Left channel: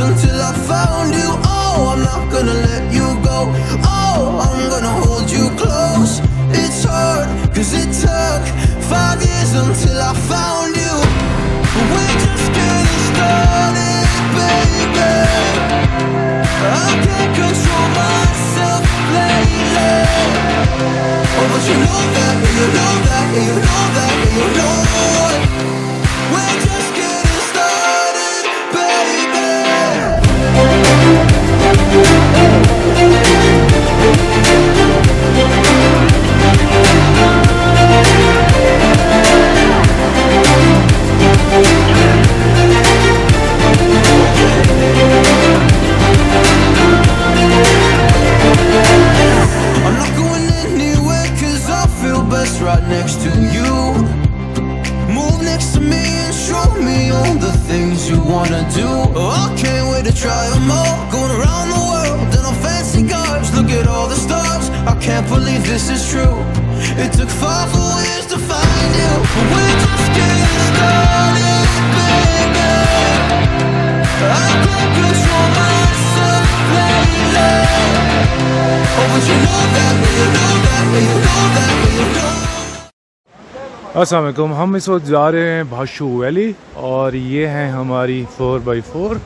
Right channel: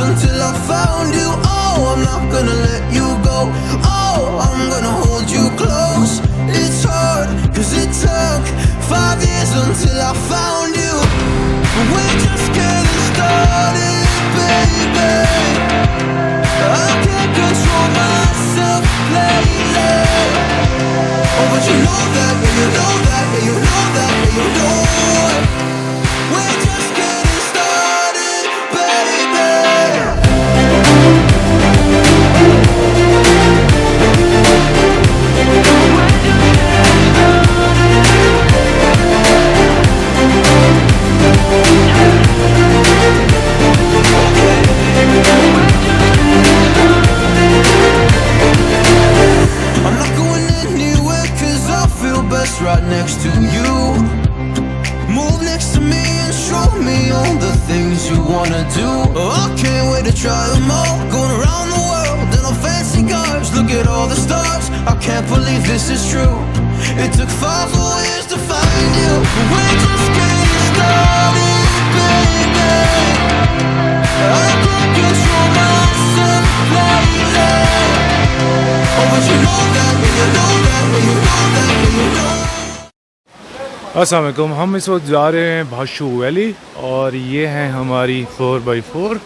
until I found you. Oh, I'm not gonna let you go. Oh, I'm gonna hold you close. It's hard, cause it took 5 years until I found you. We're just getting started, baby. I can't control myself lately. Oh, but you know that, yeah, you know that, yeah, you know that, yeah, you know it. We're just getting started, baby. I'm not going anywhere cause I feel best right next to you. Move next to me and show me all the things you wanna do. Oh, I can't wait to try them all. Going around the world in a fancy cars. Look at all the stars, I can't believe this is true. It took 5 whole years to find you. We're just getting started, baby. I can't control myself lately. Oh, but you know that, yeah, you know that, yeah, you know that, yeah, you know. अस्सलाम वालेकुम। हम इस वक्त जा रहे हैं भाशू valley और ये हैं हमारी 4x4।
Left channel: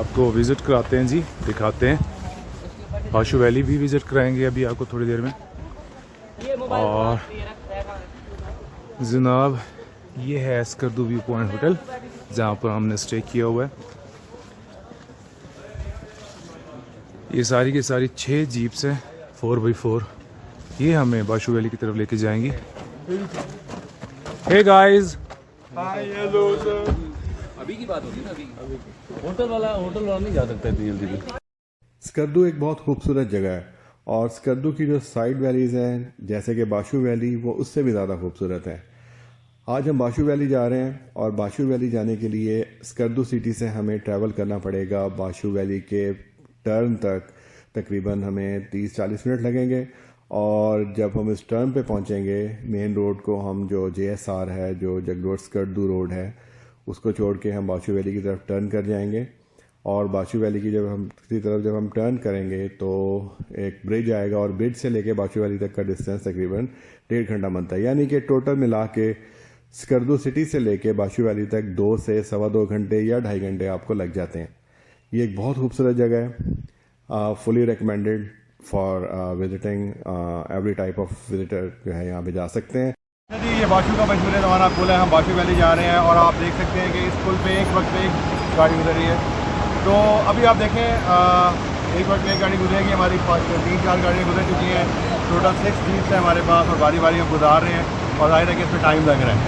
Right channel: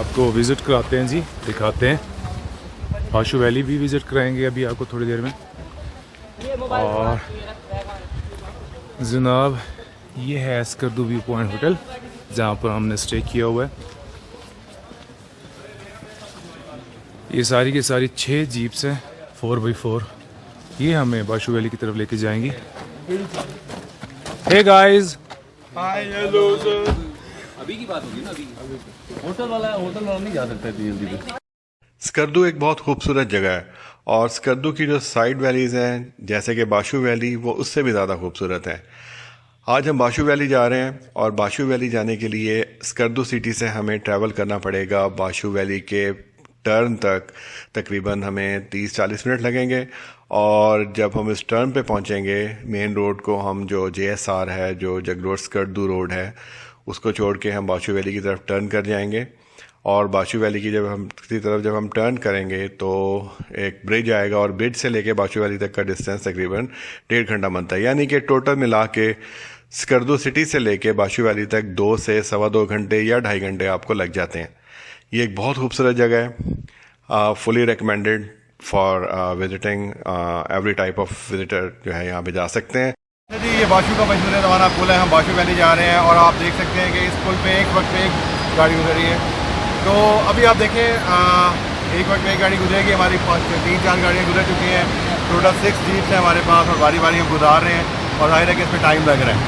आपको विज़िट कराते हैं जी, दिखाते हैं। भाशू वैली भी विज़िट कराएंगे अभी आपको थोड़ी देर में। और जनाब ये है स्कर्दू व्यू पॉइंट होटल जहाँ पर हमने स्टे किया हुआ है। ये सारी की सारी 6 जीप्स हैं 4x4। ये हमें बाशू वैली की तरफ लेके जाएंगी। हे गाइस, हाय, हेलो सर। अभी की बात होगी ना, अभी होटल वाला नहीं जा सकता धीरे। स्कर्दू एक बहुत खूबसूरत जगह है और स्कर्दू की जो साइड वैलीज़ हैं जैसे कि बाशू वैली, वो उससे भी ज़्यादा खूबसूरत है। आज हम बाशू वैली जा रहे हैं और बाशू वैली जाने के लिए स्कर्दू सिटी से हमें ट्रैवल करना पड़ेगा बाशू वैली के टर्न तक। तकरीबन हमें 30-40 मिनट लगेंगे और जब हम इस टर्न पे पहुंचेंगे मेन रोड को, हम जो JSR है, जो जगरोड स्कर्दू रोड है, उसको छोड़ के हम बाशू वैली की तरफ टर्न कर जाएंगे। और बाशू वैली की जब हम टर्न करेंगे तो एक ब्रिज आएगा और ब्रिज से लेके बाशू वैली तक का डिस्टेंस तकरीबन 1.5 घंटा बनता है। यानी कि टोटल मिला के स्कर्दू सिटी से लेके बाशू वैली तक 2 से 2.25 घंटे या 2.5 घंटे आपको लग जाते हैं। ये एक बहुत खूबसूरत जगह है, fully recommended for visiting. Every type of visitor जो है यहाँ पे जा सकते हैं। जी, ये बाशू का मशहूर रवाना पुल है। हम बाशू वैली जा रहे हैं और आप देख सकते हैं कि इस पुल पे एक वक्त एक गाड़ी गुजर रही है। तो अभी आप देखें, एक वक्त एक गाड़ी गुजरेगी, हमारी 3-4 गाड़ियाँ गुजर चुकी हैं। टोटल 6 जीप्स हैं हमारे पास और बारी बारी हम गुजार रहे हैं और जाहिर है कि इसमें टाइम लग रहा है।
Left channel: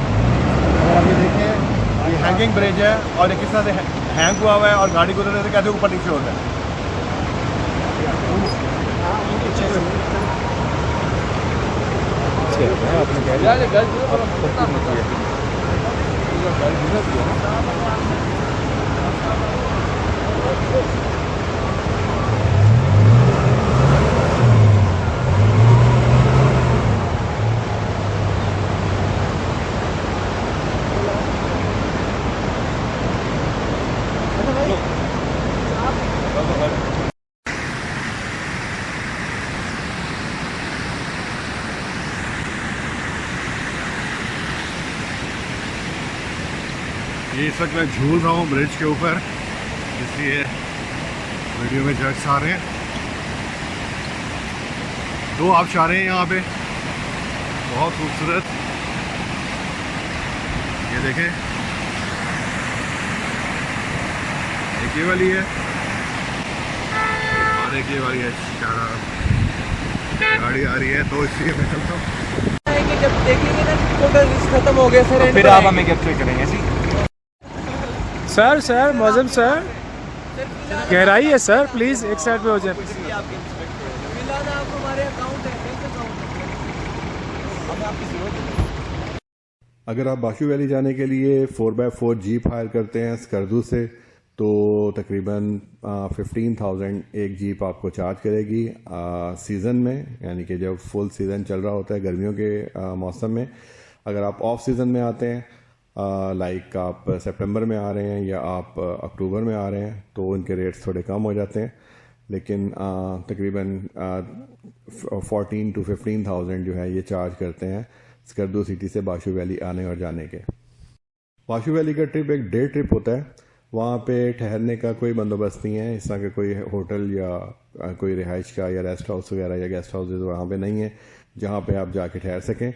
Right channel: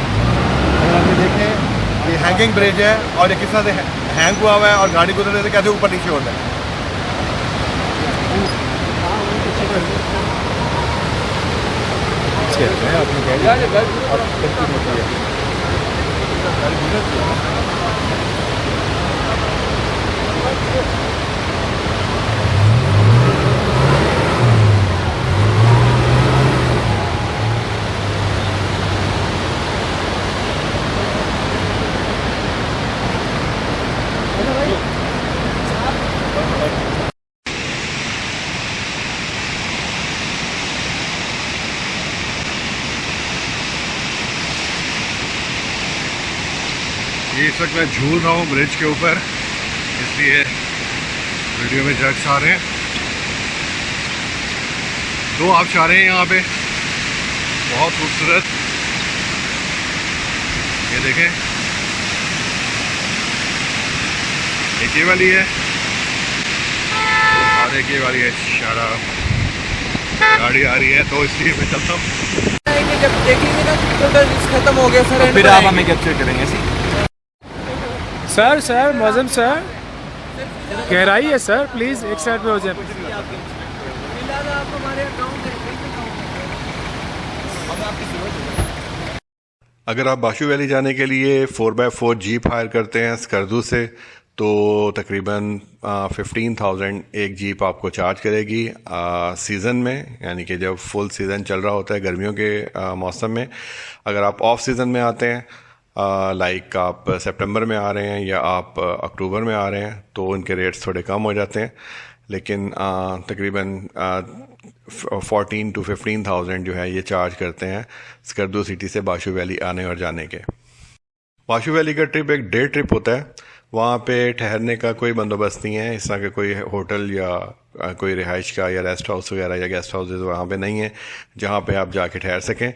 और अभी देखें ये हैंगिंग ब्रिज है और ये किस तरह से हैंग हुआ हुआ है और गाड़ी गुजर रहे थे कैसे ऊपर नीचे हो रहा है। आपने कह दिया आप कंटिन्यू किया। ये इस वक्त मैं झूल रहा हूँ ब्रिज के ऊपर, इसलिए वीडियो में जर्क्स आ रहे हैं। 2 आबशारें हैं यहाँ पे, बहुत खूबसूरत। ये देखें, एक ये वाली है और एक ये वाली है। शराब गाड़ी आ रही है तो इसलिए मैं चलता हूँ। जब देख लेंगे ना टोटल रिस्क खत्म हो गया सर, फिर आप हमें कैप्चर करेंगे। सर मौजम सर, गहराई है सर, प्लीज़ एक साइड पे हो जाए। अगर आप बाशू वैली जाने के लिए 4x4 जीप हायर करते हैं स्कर्दू से तो तकरीबन 15,000 एक जीप आपको चार्ज करेगी सीज़न में, यानी कि जब फुल सीज़न चल रहा होता है गर्मियों के मौसम में। अगर आप ऑफ सीज़न में आते हैं लाइक आप सितंबर में आ रहे हैं या आप अक्टूबर में आ रहे हैं तो उनके रेट्स थोड़े कम हो जाते हैं, लेकिन तकरीबन 14 to 15,000 जो है ये चार्ज करते हैं स्कर्दू सिटी से बाशु वैली आने और जाने के। बाशु वैली का ट्रिप एक डे ट्रिप होता है, वहाँ पे ठहरने का कोई बंदोबस्त नहीं है, इस तरह का कोई होटल या कोई रिहाइश का या रेस्ट हाउस वगैरह या गेस्ट हाउसेज वहाँ पे नहीं है जहाँ पे आप जाके ठहर सकें।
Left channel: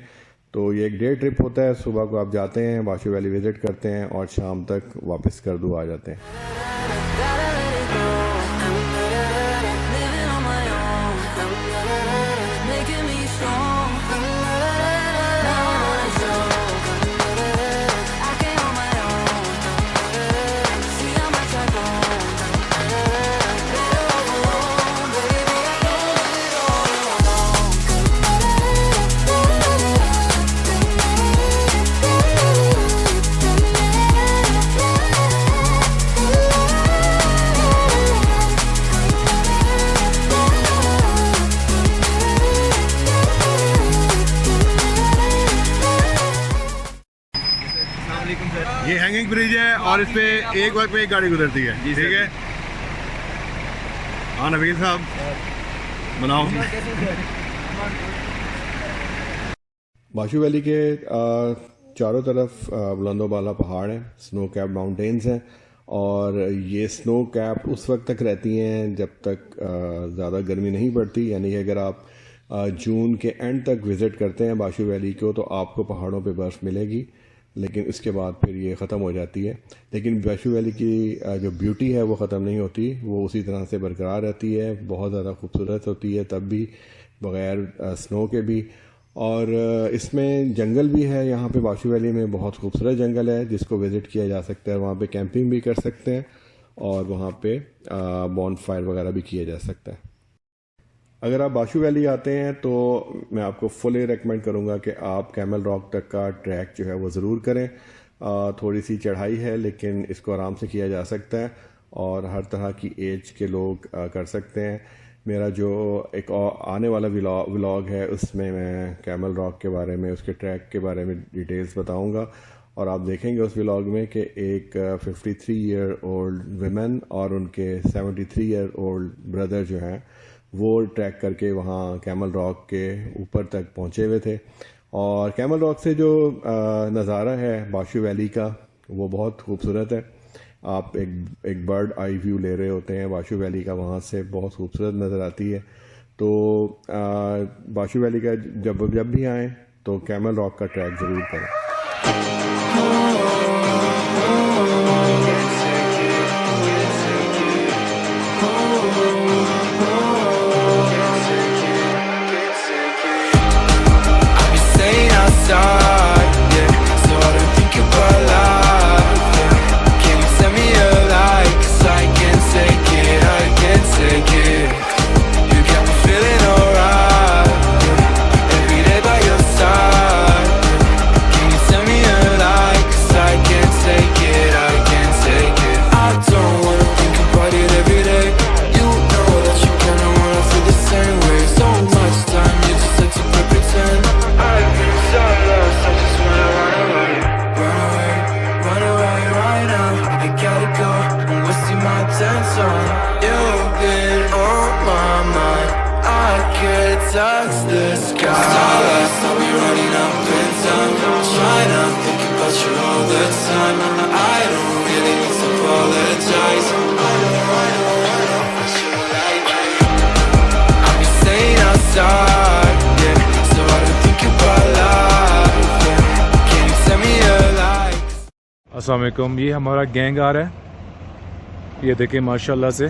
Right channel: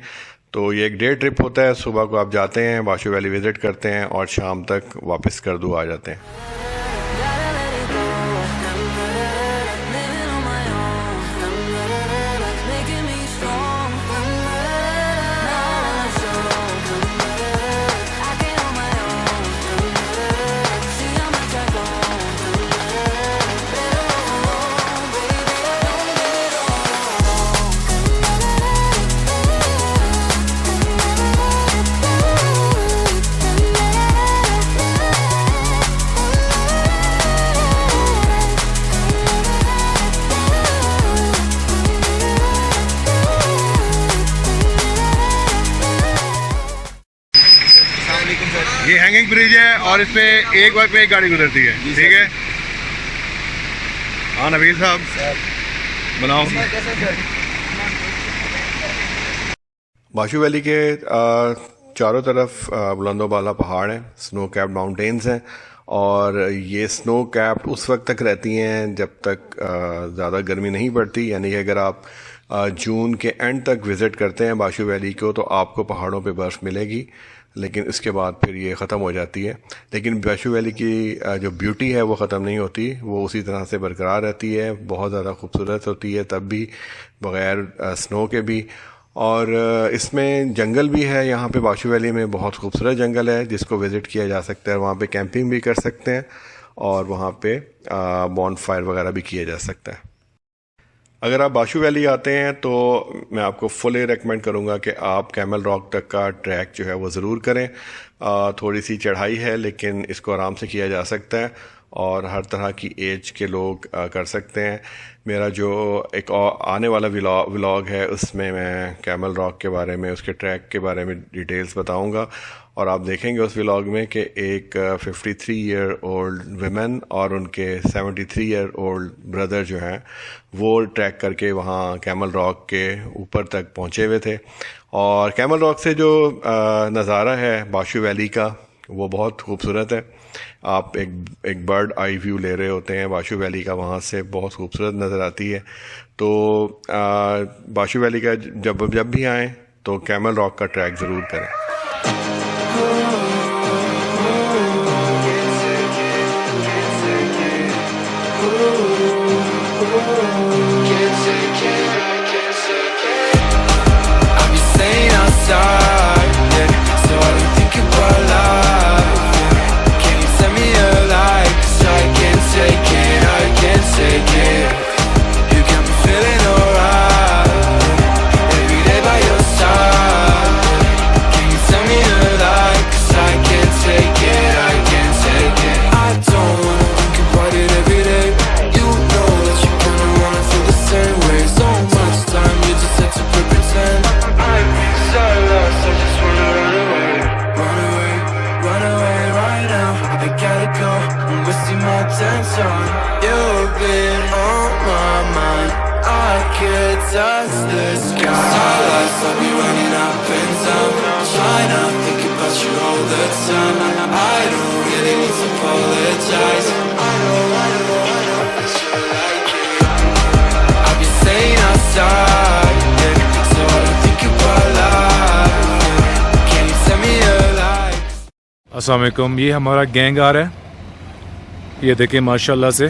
तो ये एक डे ट्रिप होता है, सुबह को आप जाते हैं बाशु वैली विज़िट करते हैं और शाम तक वापस स्कर्दू आ जाते हैं। Gotta let it go. Living on my own, making me strong. Now I wanna show I can on my own. See how much I grown. Better off alone, baby. I know it all along. ये hanging bridge है और इस पे एक वक्त पे एक गाड़ी गुजरती है, ठीक है। हाँ नबील साहब बनाओ। बाशु वैली के चारों तरफ बुलंदो बाला पहाड़ हैं, स्नो कैप्ड माउंटेन्स हैं और ये स्नो कैप्ड उस वक्त तक रहती हैं जब तक ज़्यादा गर्मी नहीं पड़ती, यानी कि अगर आप जून के एंड तक विज़िट करते हैं बाशु वैली को तो आपको पहाड़ों पे बर्फ़ मिलेगी, लेकिन इसके बाद फिर ये ख़त्म हो जाती है। लेकिन बाशु वैली की जो ब्यूटी है वो ख़त्म नहीं होती, वो उसी तरह से बरकरार रहती है, बहुत ज़्यादा खूबसूरत होती है तब भी बग़ैर स्नो के भी। और इसमें जंगल भी है, यहाँ पे बाशु वैली में बहुत खूबसूरत जंगल है जिसको विज़िट किया जा सकता है, वहाँ पे कैंपिंग भी कर सकते हैं और वहाँ पे बॉनफायर वगैरह भी किया जा सकता है। अगर आप बाशु वैली आते हैं तो मैं आपको फुली रेकमेंड करूँगा कि आप कैमल रॉक तक का ट्रैक जो है वो ज़रूर करें। थोड़ी सी चढ़ाई है लेकिन इसको आराम से किया जा सकता है और हर तरह की एज के लोग कर सकते हैं। मेरा जो एक आने वाला व्लॉग है उसमें मैं कैमल रॉक के बारे में, उसके ट्रैक के बारे में डिटेल्स बताऊंगा और आप देखेंगे उस व्लॉग में कि एक 53 ईयर ओल्ड वुमेन और उनके 73 ईयर ओल्ड ब्रदर जो हैं वो ट्रैक करके वहाँ कैमल रॉक के ऊपर तक पहुँचे हुए थे। और कैमल रॉक से जो नज़ारा है बाशु वैली का वो बहुत खूबसूरत है। आप एक बर्ड आई व्यू ले रहे होते हैं बाशु वैली का, वहाँ से बहुत खूबसूरत नज़र आती है। तो बाशु वैली का जब भी आएँ तो कैमल रॉक का ट्रैक ज़रूर करें। I'll be staying outside, yeah, so I don't think about life, yeah. Can you send me a light, 'cause I can't take it, I can't take it. You got me feeling alright, yeah, every day by your side, yeah. Can you send me a light, 'cause I can't take it, I can't take it. I don't wanna think about it every day. You know that you kinda wanna feel the same way. So much time you just had to pretend. I've been so lost, I just wanna run away. Run away, run away right now. I gotta go, I'm wasting my attention. You've been on my mind, I could touch the sky. So lost, I'll be running up and down, trying to think about you all the time. I don't really need to apologize. I know that you like it. I'll be staying outside, yeah, so I don't think about life, yeah. Can you send me a light? अस्सलाम वालेकुम, ये हमारा gang आ रहा है। ये देखिए माशाल्लाह से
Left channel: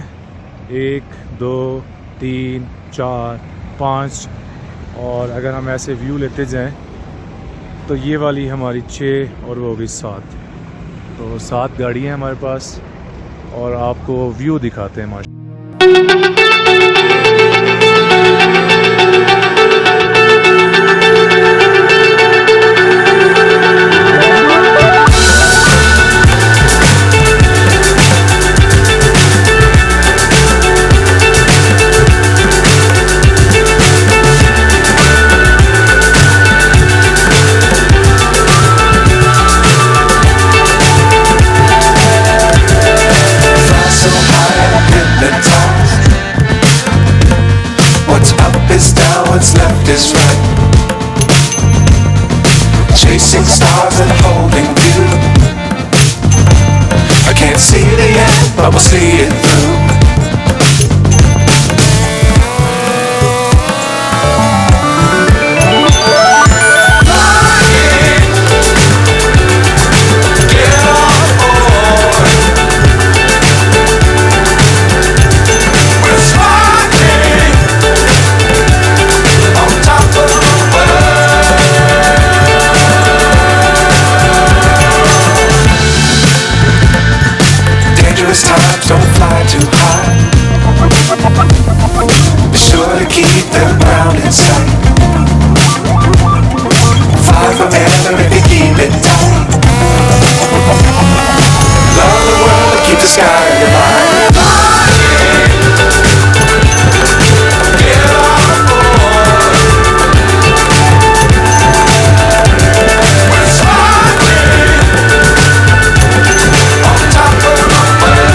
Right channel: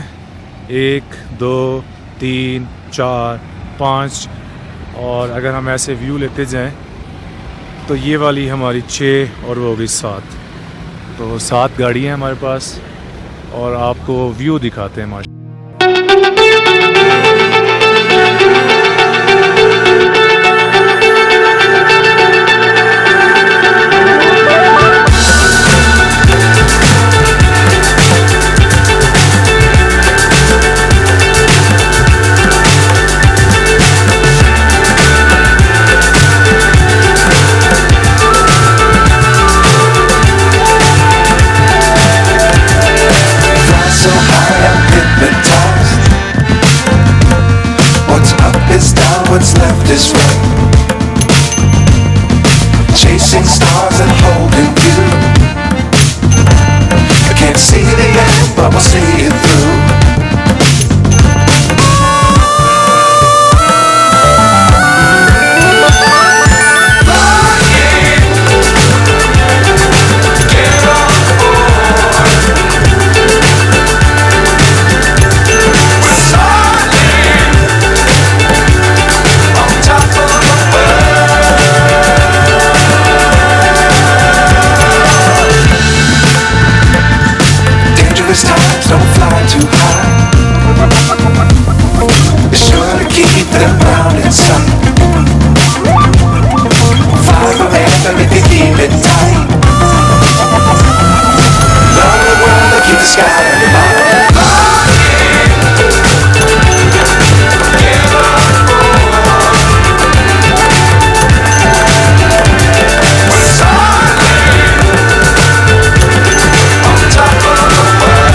1 2 3 4 5 और अगर हम ऐसे व्यू लेते जाएं तो ये वाली हमारी 6 और वो होगी 7, तो 7 गाड़ियाँ हैं हमारे पास और आपको व्यू दिखाते हैं माशा। chasing stars and holding you. I can't see the end, but we'll see it through. Times don't fly too high. Be sure to keep them ground in sight. Fly forever if you keep it tight. Love the world and keep the sky on your mind. Get on board. We're soaring on top of the world.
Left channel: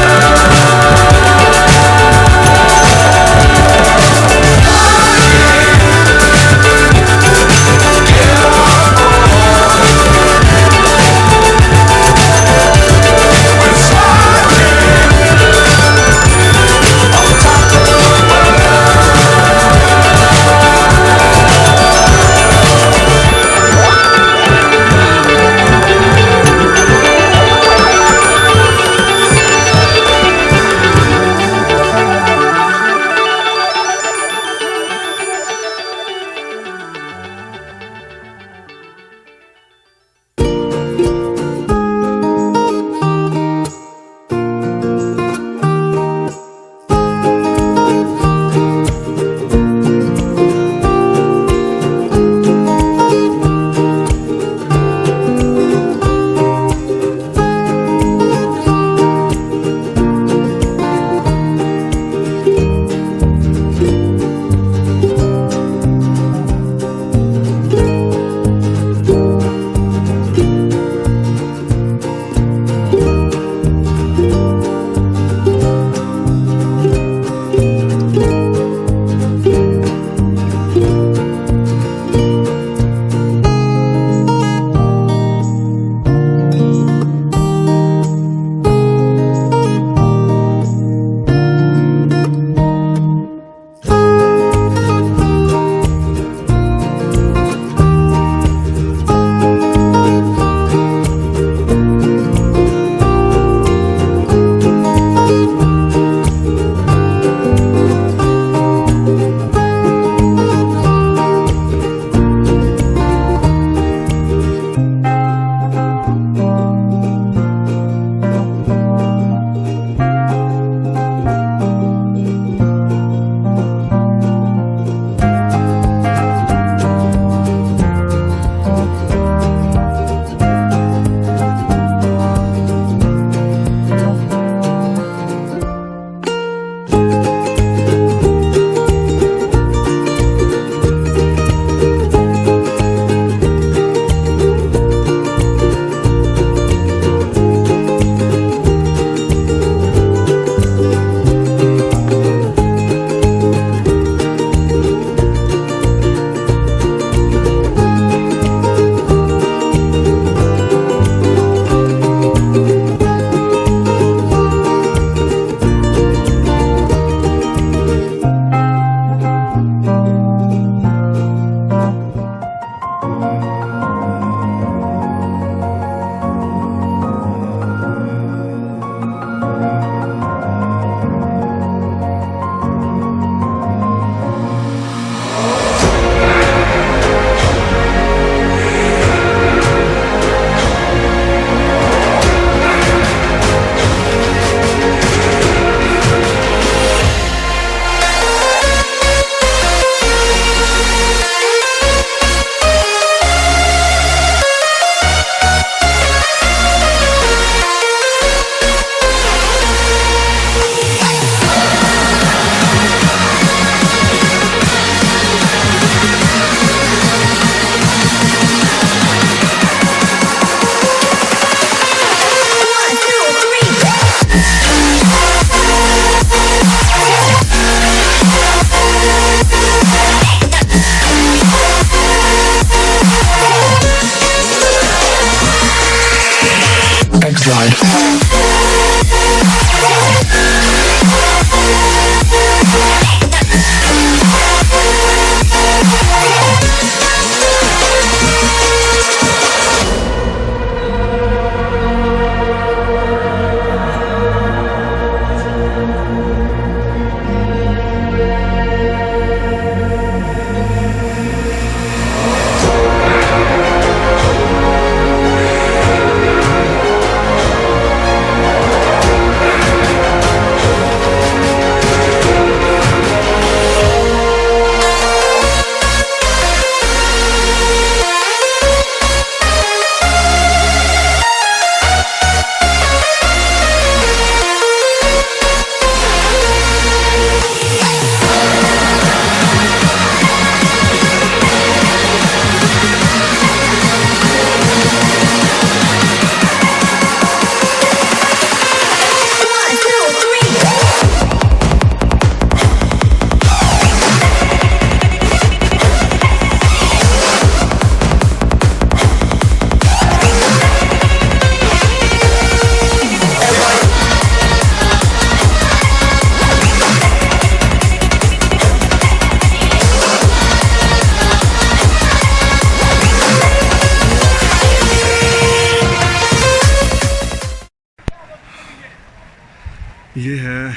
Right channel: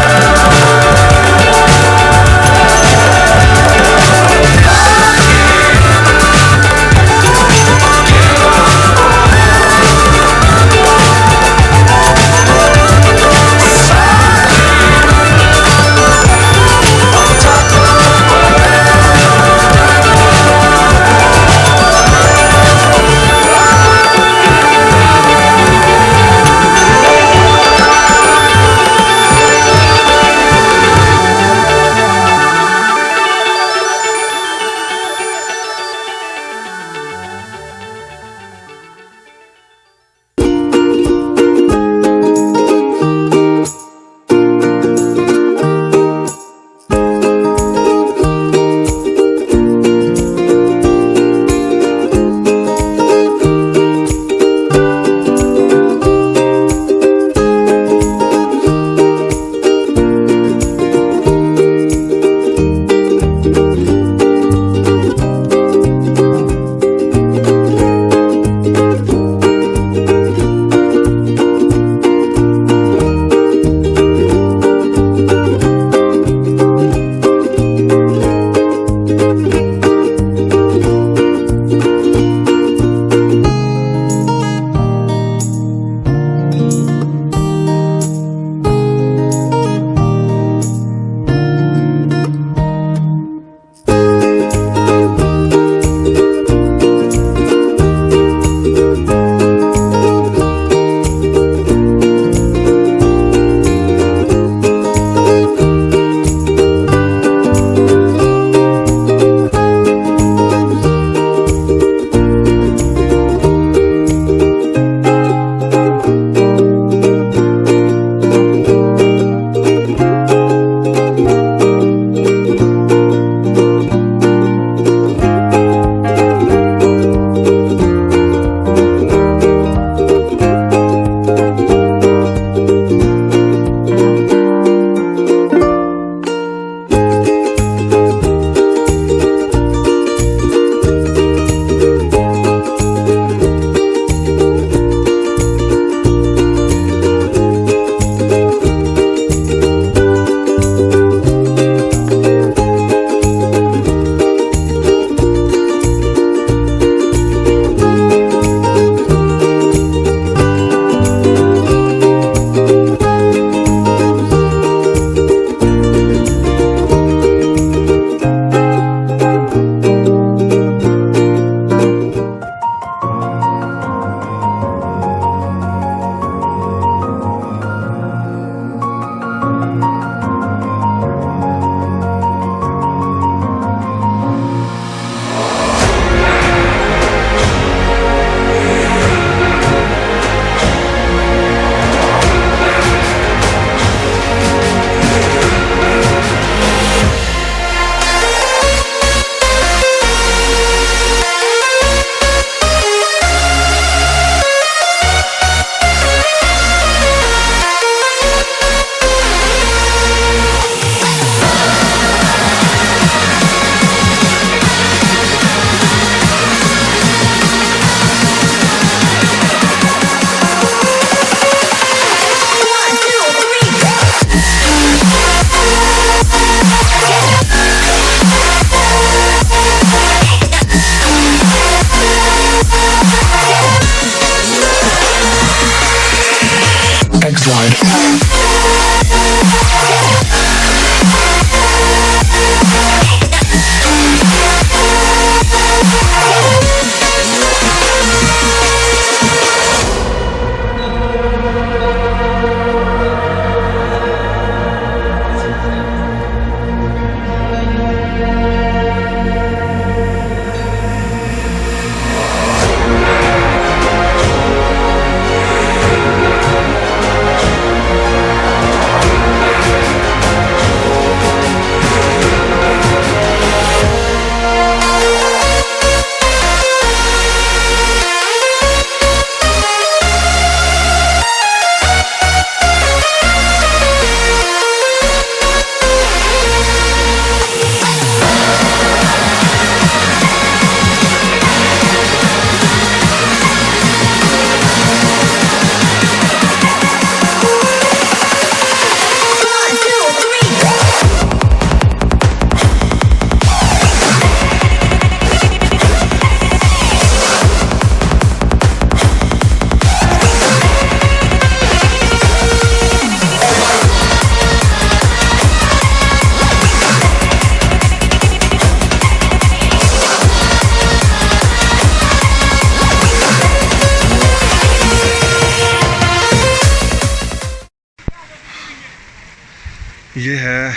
ये है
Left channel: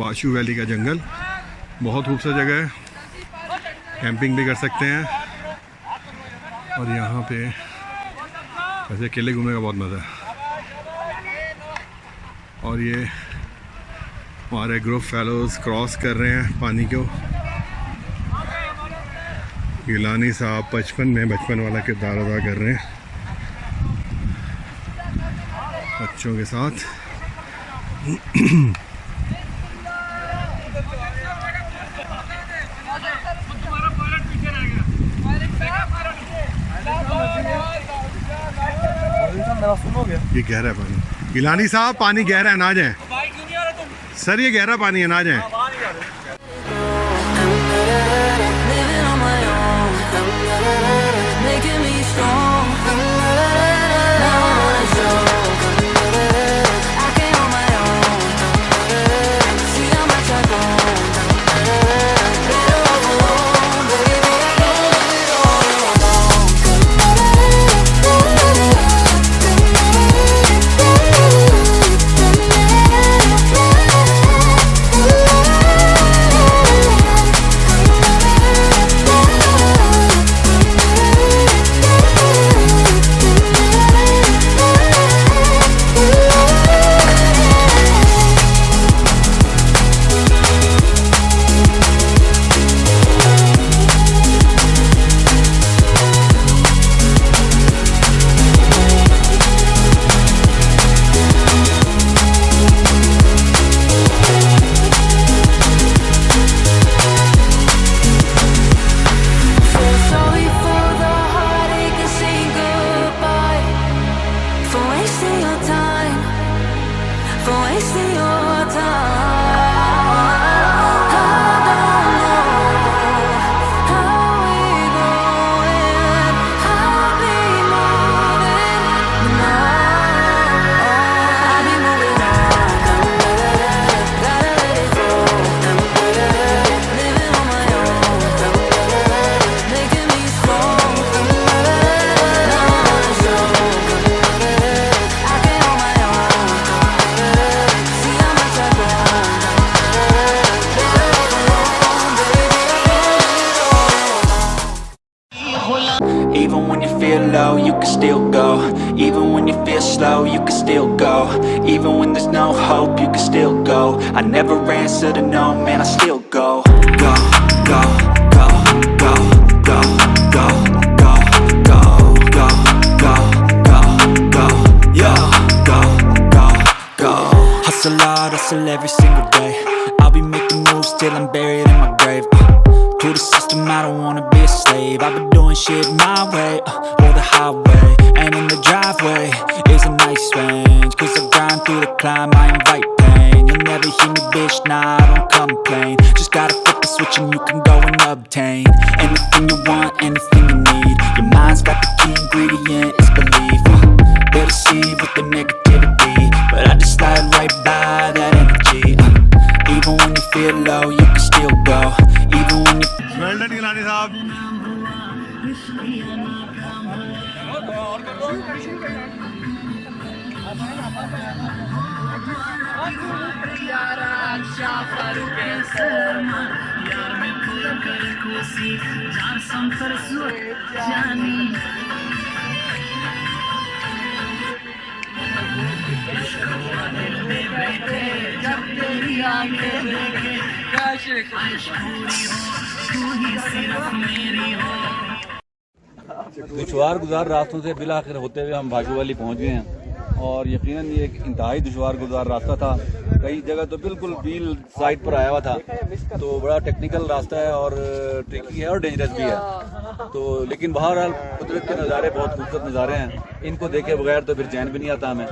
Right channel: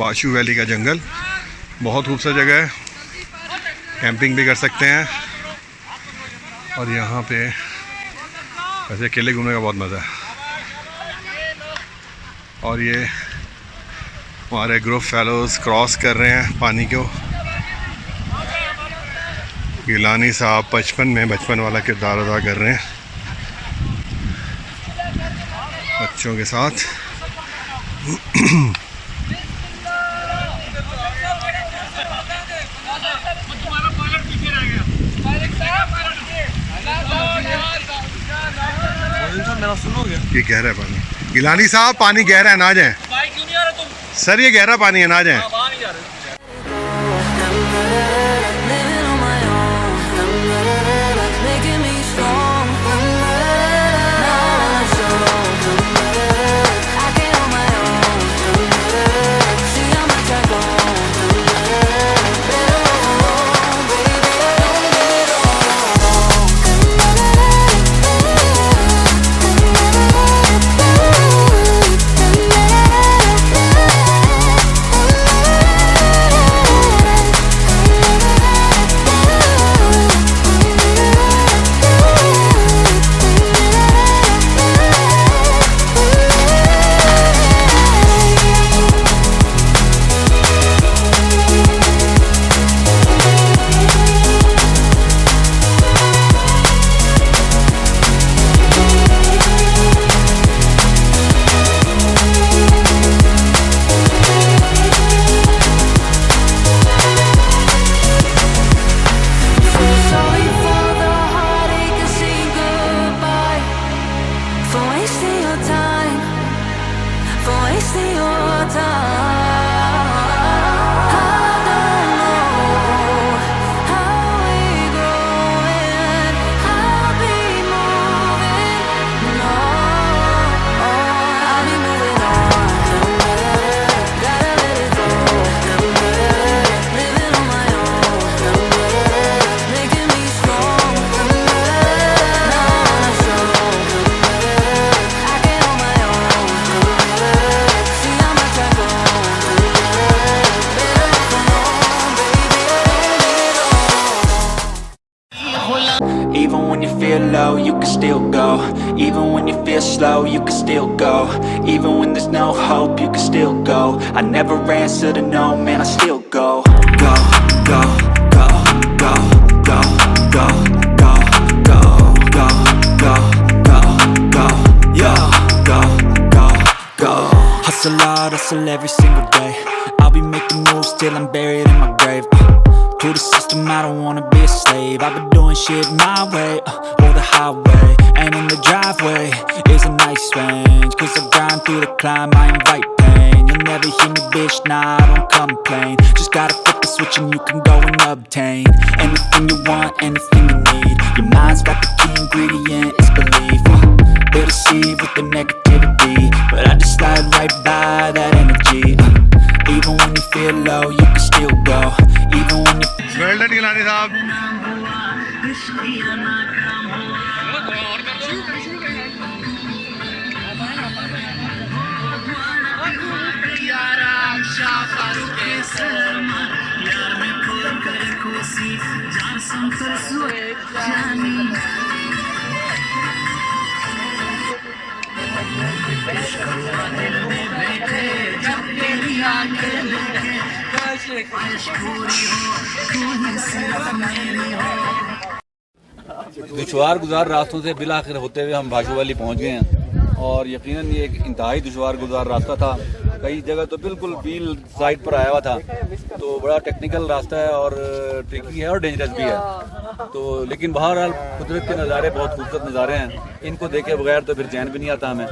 बाशु valley का जंगल, बहुत खूबसूरत जगह है, camping भी कर सकते हैं और यहाँ पे ऐसे अकेले घूमने का बहुत मज़ा है। और ये हमारे ग्रुप फेलोज़ क्रॉस कर रहे हैं पानी को। गिलानी साहब बचपन वाला किरदार अदा कर रहे हैं बच्चों के साथ। ये गहरा है पानी। गिलानी साहब पानी गहरा है, ना जाए। सर ये गहरा पानी है, ना जाए। Living on my own, making me strong. Now I wanna show I can on my own. See how much I grown. Better off alone, baby. I don't live it all alone. Even when you feel low, you can still go. Even when you feel slow, you can still go. Even when there's no hope, you can still go. I never answer to no, man, I still go. Go, go, go, go, go, go, go, go, go, go, go, go, yo, go, go, go. Hustle hard, hustle every single day. I'll be making moves till I'm buried in my grave. To the system, I don't wanna be a slave. I've been doing shit my way, or the highway. And in the driveway is a nice range. Cause I grind through the climb, I invite pain. You'll never hear me, bitch, nah, I don't complain. Just gotta flip the switch and you can go and obtain anything you want, anything you need. Your mind's got the key ingredient, it's belief. They deceive with the negativity, but I just slide right by that energy. Even when you feel low, you can still go. Even when you well done Gilani साहब दुश्वार गुजार रास्तों से बिलाखिर होते हुए हम भाशु valley पहुंच गए हैं और यकीनन ये एक इंतहाई दुश्वार गुजार रास्ता था। कई जगह तो बिल्कुल व्हील साइड पर आया हुआ था, तो बड़ा टेक्निकल रास्ता है और ट्रिकी है और डेंजरस भी है। तो लेकिन बहरहाल कुदरत के नज़ारे बहुत खूबसूरत नज़ारे हैं, इनको देखे बगैर तो फिर चैन भी नहीं आता हमें।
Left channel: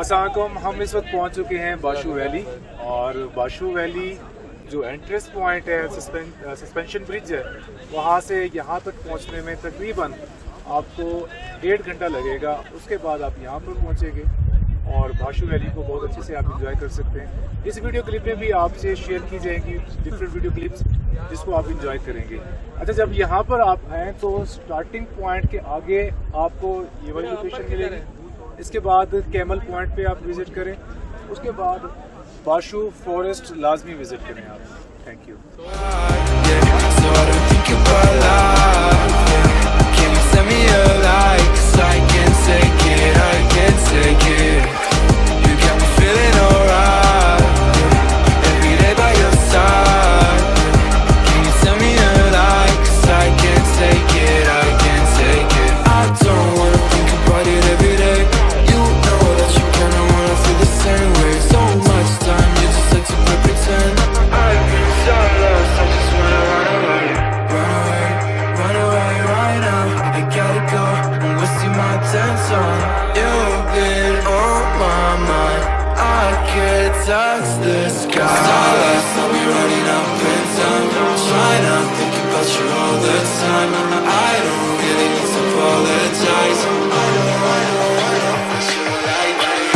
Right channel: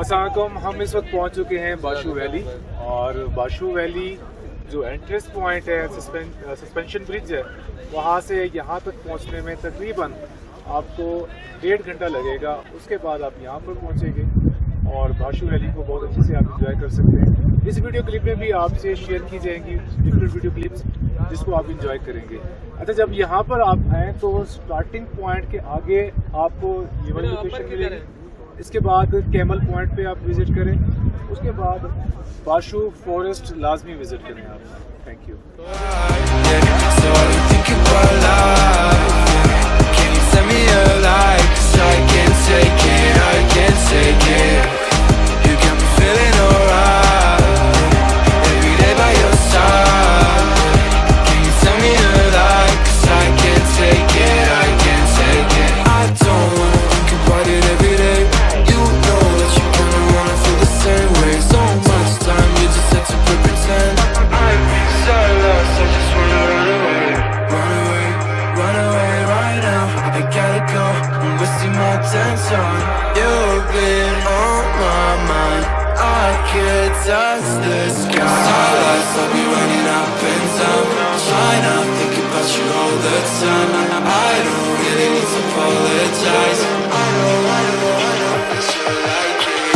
अस्सलामुअलैकुम, हम इस वक्त पहुंच चुके हैं बाशु वैली। और बाशु वैली जो एंट्रेंस पॉइंट है, सस्पेंशन ब्रिज है, वहां से यहाँ तक पहुंचने में तकरीबन आपको 1.5 घंटा लगेगा। उसके बाद आप यहाँ पर पहुंचेंगे और बाशु वैली को बहुत अच्छे से आप इंजॉय कर सकते हैं। इस वीडियो क्लिप में भी आपसे शेयर की जाएंगी डिफरेंट वीडियो क्लिप्स जिसको आप इंजॉय करेंगे। अच्छा, जब यहाँ पर आप आएँ तो स्टार्टिंग पॉइंट के आगे आपको ये वाली लोकेशन मिलेगी। इसके बाद कैमल पॉइंट पे आप विज़िट करें, उसके बाद बाशु फॉरेस्ट लाजमी विज़िट करें आप। Thank you. So I don't think about life, yeah. Can you send me a light? 'Cause I can't take it, I can't take it. You got me feeling alright, yeah. Every day by your side, yeah. Can you send me a light? 'Cause I can't take it, I can't take it. I don't wanna think about it every day. You know that you kinda wanna feel the same way. So much time, you just had to pretend. I've been so lost, I just wanna run away. Run away, run away right now. I gotta go, I'm wasting my attention. You've been on my mind, I could touch the sky. Starlights, I'll be running up in time, trying to think about you all the time. I don't really need to apologize. I know, that you like it.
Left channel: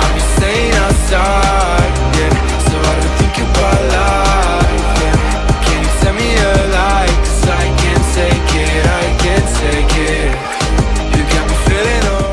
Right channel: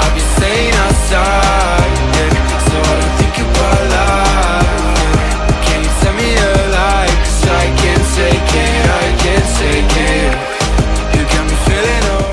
I'll be staying outside, yeah. So I don't think about life, yeah. Can you tell me a lie? 'Cause I can't take it, I can't take it. You got me feeling alright.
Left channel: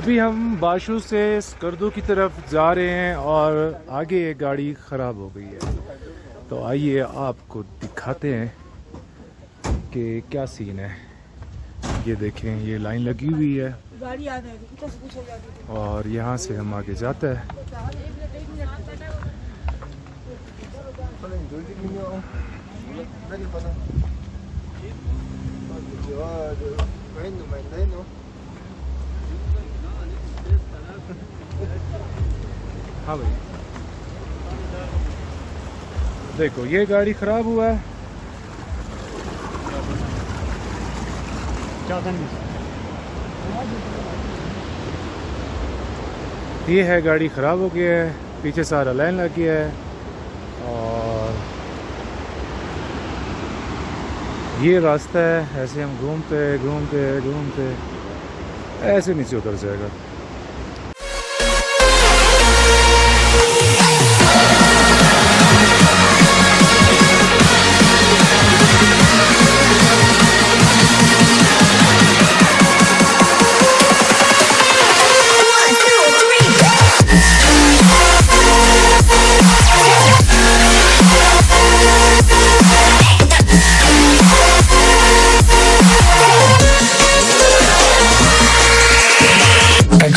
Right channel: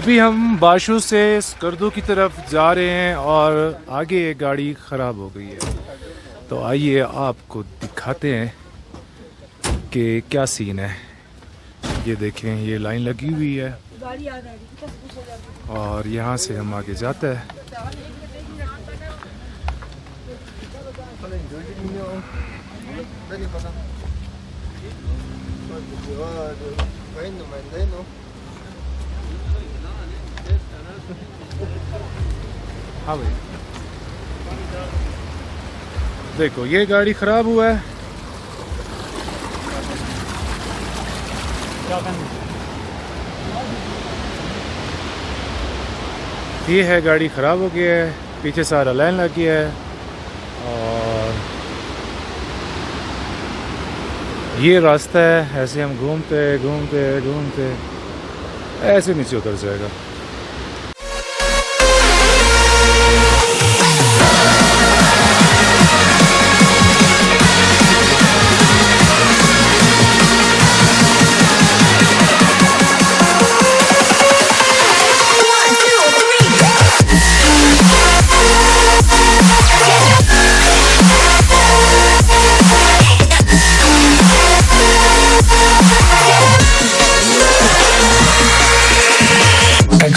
अभी हम बाशु से स्कर्दू की तरफ जा रहे हैं और आगे एक गाड़ी ख़राब हो गई है, तो आइए आपको दिखाते हैं कि क्या सीन है। ये देखें, ये लाइन लगी हुई है और यहाँ से हम आगे जाते हैं। हाँ भाई, देखो ये गाड़ी खराब हुआ है। ये है, गाड़ी खराब हो गया है, पीछे सारा लाइन लग गया है और ये रास्ता है, ऐसे हम घूमते घूमते घूमते ऐसे नीचे उतर जाएगा।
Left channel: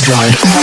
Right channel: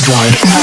ride.